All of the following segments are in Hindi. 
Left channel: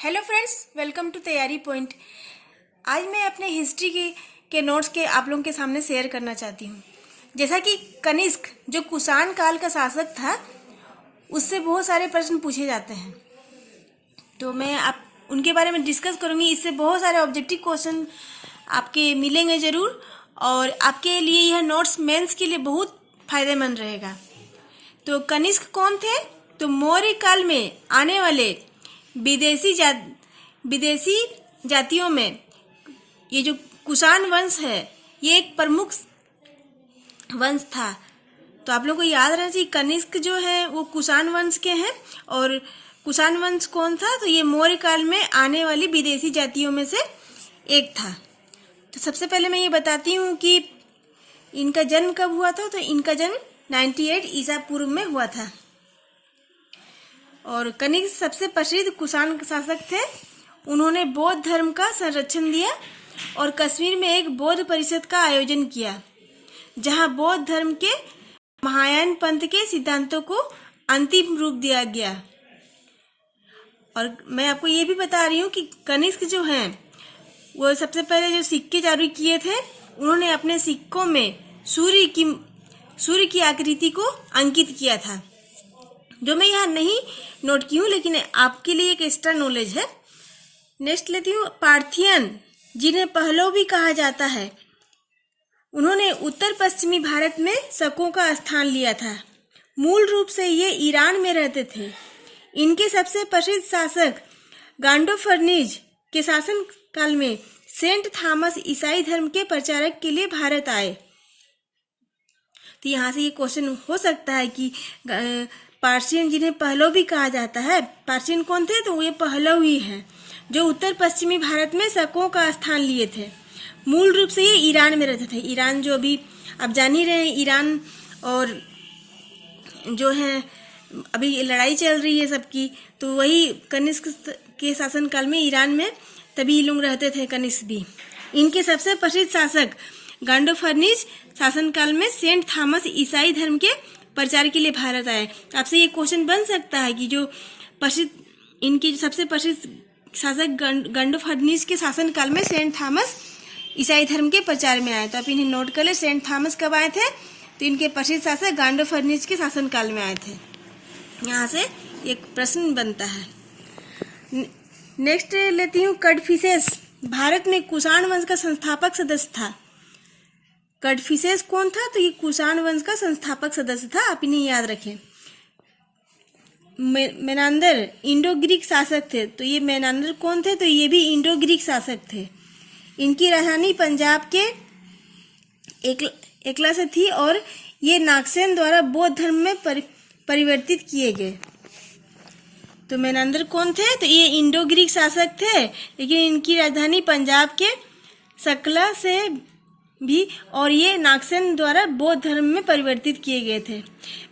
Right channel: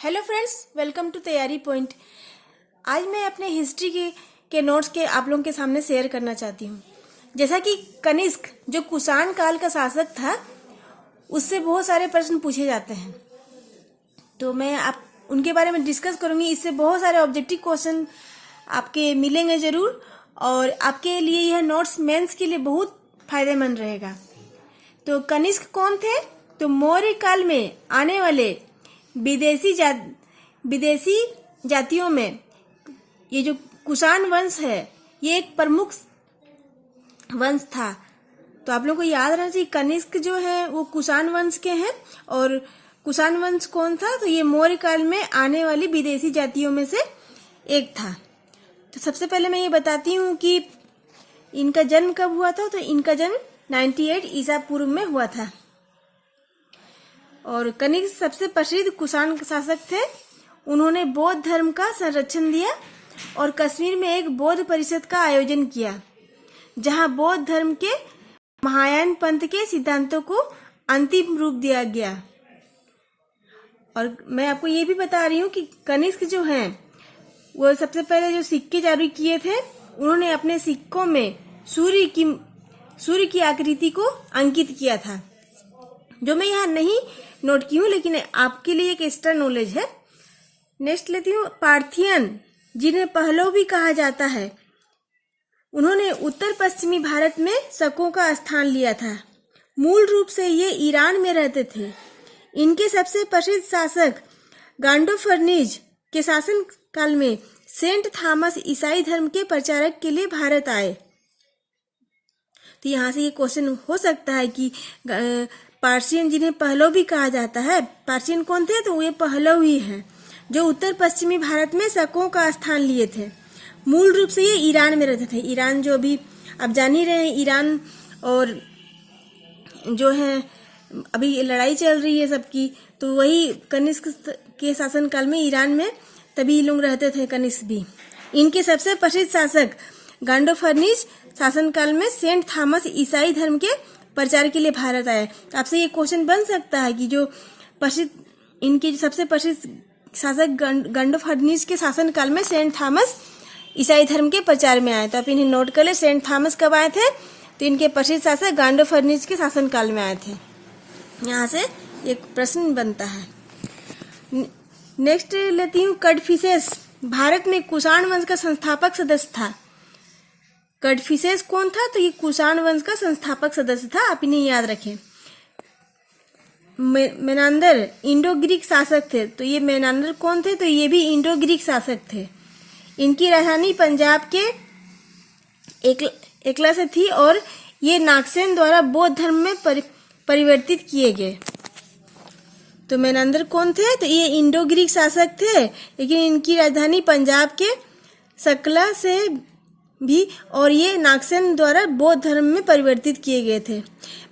हेलो फ्रेंड्स, वेलकम टू तैयारी पॉइंट। आज मैं अपने हिस्ट्री के नोट्स के आप लोगों के सामने शेयर करना चाहती हूँ। जैसा कि कनिष्क जो कुषाण काल का शासक था, उससे बहुत सारे प्रश्न पूछे जाते हैं, तो मैं आप उनके बारे में डिस्कस करूँगी। इससे बहुत सारे ऑब्जेक्टिव क्वेश्चन आपके मिलेंगे ज़रूर, और आपके लिए यह नोट्स मेंस के लिए बहुत फायदेमंद रहेगा। तो कनिष्क कौन थे? तो मौर्य काल में आने वाले विदेशी जातियों में ये जो कुषाण वंश है, ये एक प्रमुख वंश था। तो आप लोगों को याद रहना चाहिए, कनिष्क जो है वो कुषाण वंश के हैं। और कुषाण वंश कौन था? तो ये मौर्य काल में आने वाली विदेशी जातियों में से एक था। तो सबसे पहले मैं ये बताती हूँ कि इनका जन्म कब हुआ था। तो इनका जन्म 98 ईसा पूर्व में हुआ था। और कनिष्क सबसे प्रसिद्ध कुषाण शासक थे। उन्होंने बौद्ध धर्म का संरक्षण दिया और कश्मीर में एक बौद्ध परिषद का आयोजन किया, जहां बौद्ध धर्म के महायान पंथ के सिद्धांतों को अंतिम रूप दिया गया। और मैं आपको ये भी बता रही हूँ कि कनिष्क जो हैं वो सबसे पहले जो सिक्के जारी किए थे, उन्होंने अपने सिक्कों में सूर्य की आकृति को अंकित किया था, जो मैं यहाँ नहीं नोट की हूँ, लेकिन आपके लिए एक एक्स्ट्रा नॉलेज है। नेक्स्ट लेती हूँ पार्थियन, जिन्हें पहलव भी कहा जाता है। उन्होंने उत्तर पश्चिमी भारत में शकों का स्थान लिया था। मूल रूप से ये ईरान में रहते थे। इनके सबसे प्रसिद्ध शासक गांडोफर्निज के शासन काल में सेंट थॉमस ईसाई धर्म के प्रचारक के लिए भारत आए। तो यहाँ से ये क्वेश्चन हो सकता है कि पार्सियन, जिन्हें पहलव भी कहा जाता है, पार्सियन कौन थे? तो ये पहलव ही हैं, जो उत्तर पश्चिमी भारत में शकों का स्थान लिए थे। मूल रूप से ये ईरान में रहते थे। ईरान जो अभी आप जान ही रहे हैं, ईरान और जो है अभी लड़ाई चल रही है सबकी, तो वही कनिष्क के शासन काल में ईरान में तभी लोग रहते थे, कनिष्क भी। इनके सबसे प्रसिद्ध शासक गांडोफर्निज शासन काल में सेंट थॉमस ईसाई धर्म के प्रचार के लिए भारत आए। आपसे ये क्वेश्चन बन सकता है कि जो प्रसिद्ध इनके सबसे प्रसिद्ध शासक गांडोफर्निज के शासन काल में सेंट थॉमस ईसाई धर्म के प्रचार में आए। तो आप इन्हें नोट कर ले, सेंट थॉमस कब आए थे? तो इनके प्रसिद्ध शासक गांडोफर्निज के शासन काल में आए थे। यहाँ से एक प्रश्न बनता है। नेक्स्ट लेती हूँ कडफिसेस, भारत में कुषाण वंश का संस्थापक सदस्य था। कडफिसेस कौन था? तो ये कुषाण वंश का संस्थापक सदस्य था, आप इन्हें याद रखें। मेनांदर इंडो ग्रीक शासक थे। तो ये मेनांदर कौन थे? तो ये भी इंडो ग्रीक शासक थे। इनकी राजधानी पंजाब के एकला से थी, और ये नागसेन द्वारा बौद्ध धर्म में परिवर्तित किए गए। तो मेनांदर कौन थे? तो ये इंडो ग्रीक शासक थे, लेकिन इनकी राजधानी पंजाब के सकला से भी, और ये नागसेन द्वारा बौद्ध धर्म में परिवर्तित किए गए थे।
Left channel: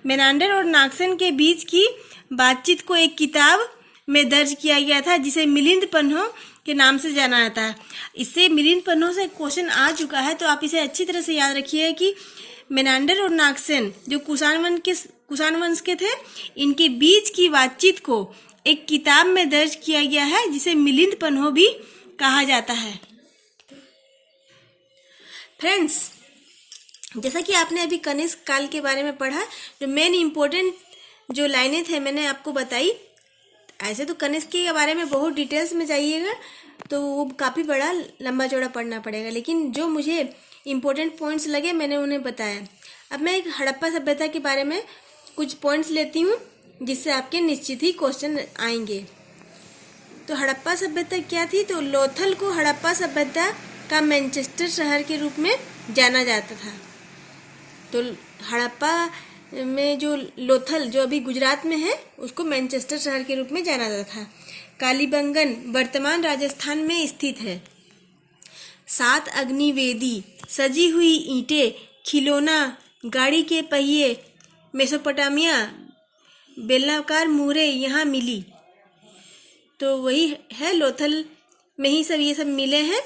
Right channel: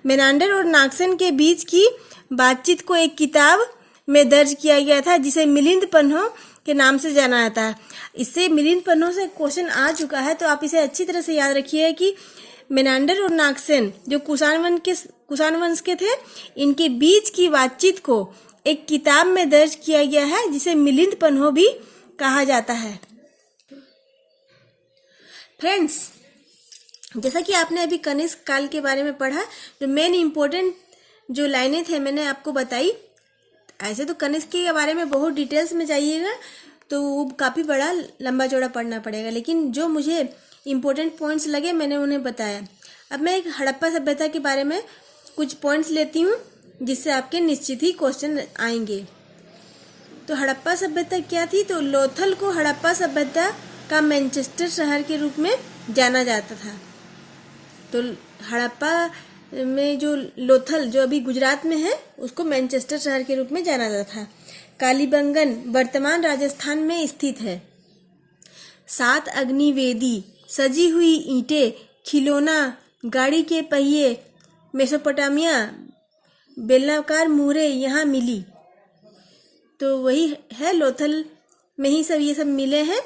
मेनांडर और नागसेन के बीच की बातचीत को एक किताब में दर्ज किया गया था, जिसे मिलिंद पन्हों के नाम से जाना जाता है। इससे मिलिंद पन्हों से क्वेश्चन आ चुका है, तो आप इसे अच्छी तरह से याद रखिए कि मेनांडर और नागसेन जो कुषाण वंश के थे, इनके बीच की बातचीत को एक किताब में दर्ज किया गया है, जिसे मिलिंद पन्हों भी कहा जाता है। फ्रेंड्स, जैसा कि आपने अभी कनिष्क काल के बारे में पढ़ा, जो मेन इम्पोर्टेंट जो लाइनें थे मैंने आपको बताई। ऐसे तो कनिष्क के बारे में बहुत डिटेल्स में जाइएगा तो वो काफ़ी बड़ा लंबा चौड़ा पढ़ना पड़ेगा, लेकिन जो मुझे इम्पोर्टेंट पॉइंट्स लगे मैंने उन्हें बताया। अब मैं एक हड़प्पा सभ्यता के बारे में कुछ पॉइंट्स लेती हूँ, जिससे आपके निश्चित ही क्वेश्चन आएंगे। तो हड़प्पा सभ्यता क्या थी? तो लोथल को हड़प्पा सभ्यता का मैनचेस्टर शहर के रूप में जाना जाता था। तो हड़प्पा में जो लोथल, जो अभी गुजरात में है, उसको मैनचेस्टर शहर के रूप में जाना जाता था। कालीबंगन वर्तमान राजस्थान में स्थित है। 7 अग्निवेदी, सजी हुई ईंटें, खिलौना, गाड़ी के पहिए, मेसोपोटामिया, बेलाकार मुहरें यहाँ मिली। तो वही है, लोथल में ही सब ये सब मिले हैं।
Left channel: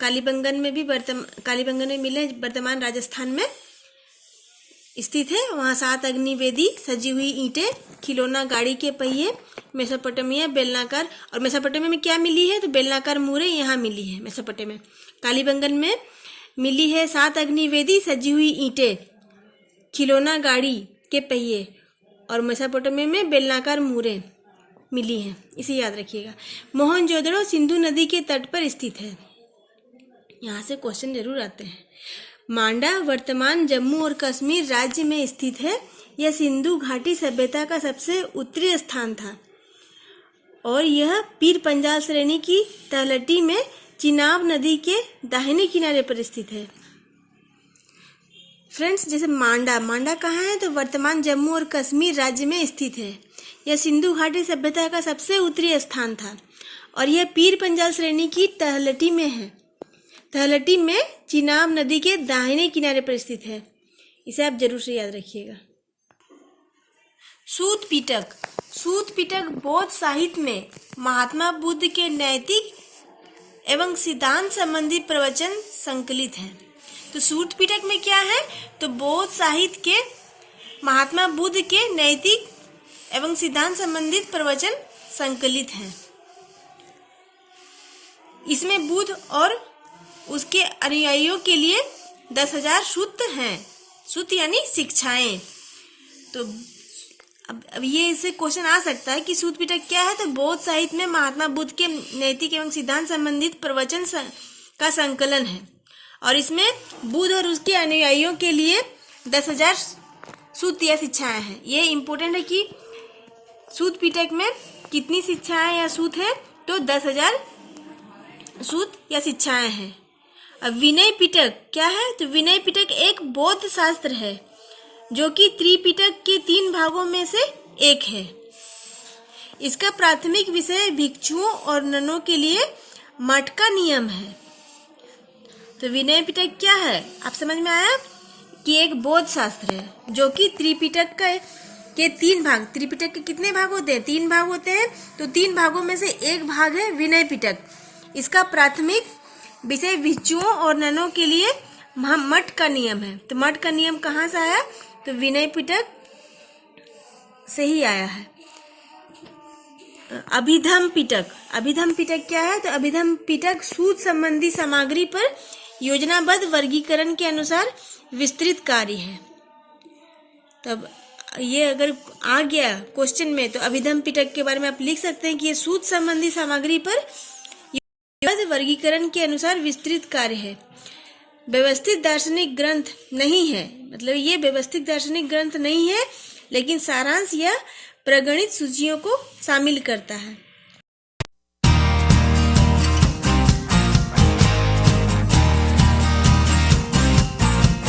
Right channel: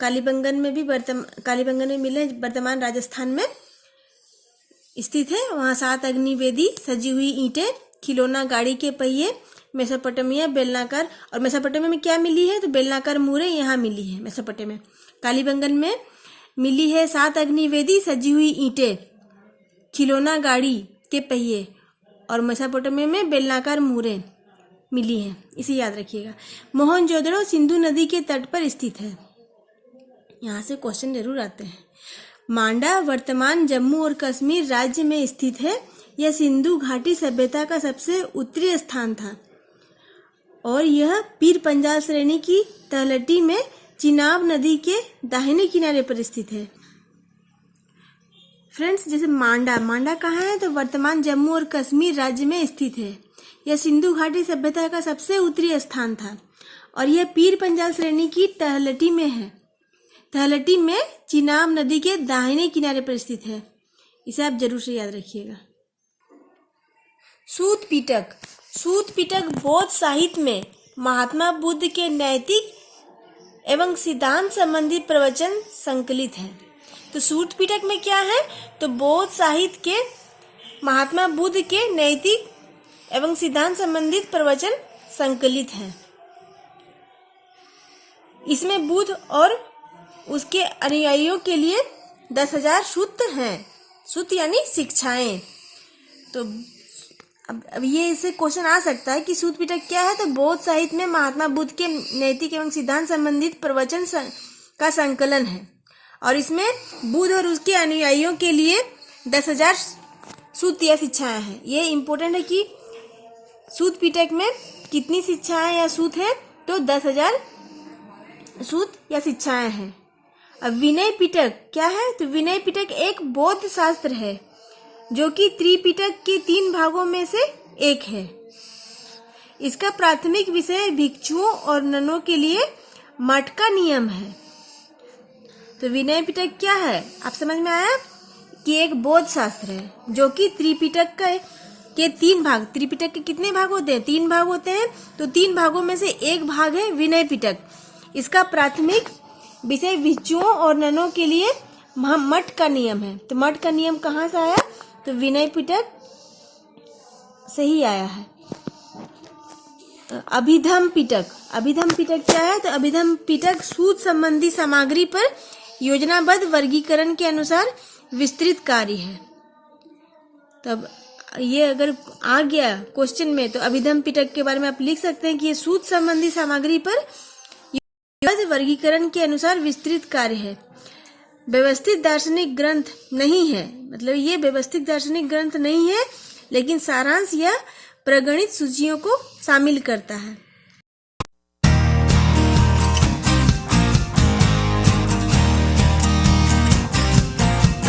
कालीबंगन में मिले, वर्तमान राजस्थान में स्थित है। वहाँ 7 अग्निवेदी, सजी हुई ईंटें, खिलौना, गाड़ी के पहिए, मेसोपोटामिया बेलनाकार, और मेसोपोटामिया में क्या मिली है? तो बेलनाकार मुहरें यहाँ मिली है मेसोपोटामिया। कालीबंगन में मिली है 7 अग्निवेदी सजी हुई ईंटें, खिलौना गाड़ी के पहिए, और मेसोपोटामिया में बेलनाकार मुहरें मिली हैं, इसे याद रखिएगा। मोहनजोदड़ो सिंधु नदी के तट पर स्थित है। यहाँ से क्वेश्चन जरूर आते हैं। मांडा वर्तमान जम्मू और कश्मीर राज्य में स्थित है। यह सिंधु घाटी सभ्यता का सबसे उत्तरी स्थान था और यह पीर पंजाल श्रेणी की तलहटी में चिनाब नदी के दाहिने किनारे पर स्थित है। फ्रेंड्स, जैसे मांडा कहाँ है? तो वर्तमान जम्मू और कश्मीर राज्य में स्थित है। यह सिंधु घाटी सभ्यता का सबसे उत्तरी स्थान था और यह पीर पंजाल श्रेणी की तलहटी में है। तलहटी में चिनाब नदी के दाहिने किनारे पर स्थित है। इसे आप जरूर से याद रखिएगा। सूत पिटक बौद्ध साहित्य में महात्मा बुद्ध के नैतिक एवं सिद्धांत संबंधी प्रवचन संकलित है। तो सूत पिटक में क्या है? तो बौद्ध साहित्य के महात्मा बुद्ध के नैतिक एवं सिद्धांत संबंधित प्रवचन संकलित हैं। इसमें बुद्ध और उसके अनुयायियों के लिए 10,000 सूत्र हैं। सूत्र यानी शिक्षाएं। तो अब ये इससे क्वेश्चन आ सकता है कि सूत पिटक क्या है? तो बौद्ध साहित्य में महात्मा बुद्ध के नैतिक एवं सिद्धांत संबंधित प्रवचन का संकलन है और इसमें बुद्ध और उसके अनुयायियों के लिए 10,000 सूत्र या शिक्षाएं हैं। ये इम्पोर्टेंट है कि सूत पिटक में कितनी शिक्षाएं या सूत है? तो 10,000 सूत या शिक्षाएं हैं। अब विनय पिटक क्या है? तो विनय पिटक एक बौद्ध शास्त्र है जो कि त्रिपिटक के 3 भागों में से एक है। इसका प्राथमिक विषय भिक्षुओं और ननों के लिए मठ का नियम है। तो विनय पिटक क्या है? आप समझ में आया कि एक बौद्ध शास्त्र है जो कि त्रिपिटक के 3 भाग। त्रिपिटक के कितने भाग होते हैं? 3 भाग होते हैं। तो 3 भागों में से एक भाग है विनय पिटक। इसका प्राथमिक विषय भिक्षुओं और ननों के लिए मठ का नियम है। तो मठ का नियम कहाँ से आया? तो विनय पिटक से ही आया है। अभिधम पिटक क्या है? तो अभिधम पिटक सूत संबंधी सामग्री पर योजनाबद्ध वर्गीकरण के अनुसार विस्तृत कार्य है। तब ये अगर आ गया क्वेश्चन में तो अभिधम पिटक के बारे में आप लिख सकते हैं कि ये सूत संबंधी सामग्री पर योजनाबद्ध वर्गीकरण के अनुसार विस्तृत कार्य है। व्यवस्थित दार्शनिक ग्रंथ नहीं है, मतलब ये व्यवस्थित दार्शनिक ग्रंथ नहीं है, लेकिन सारांश या प्रगणित सूचियों को शामिल करता है।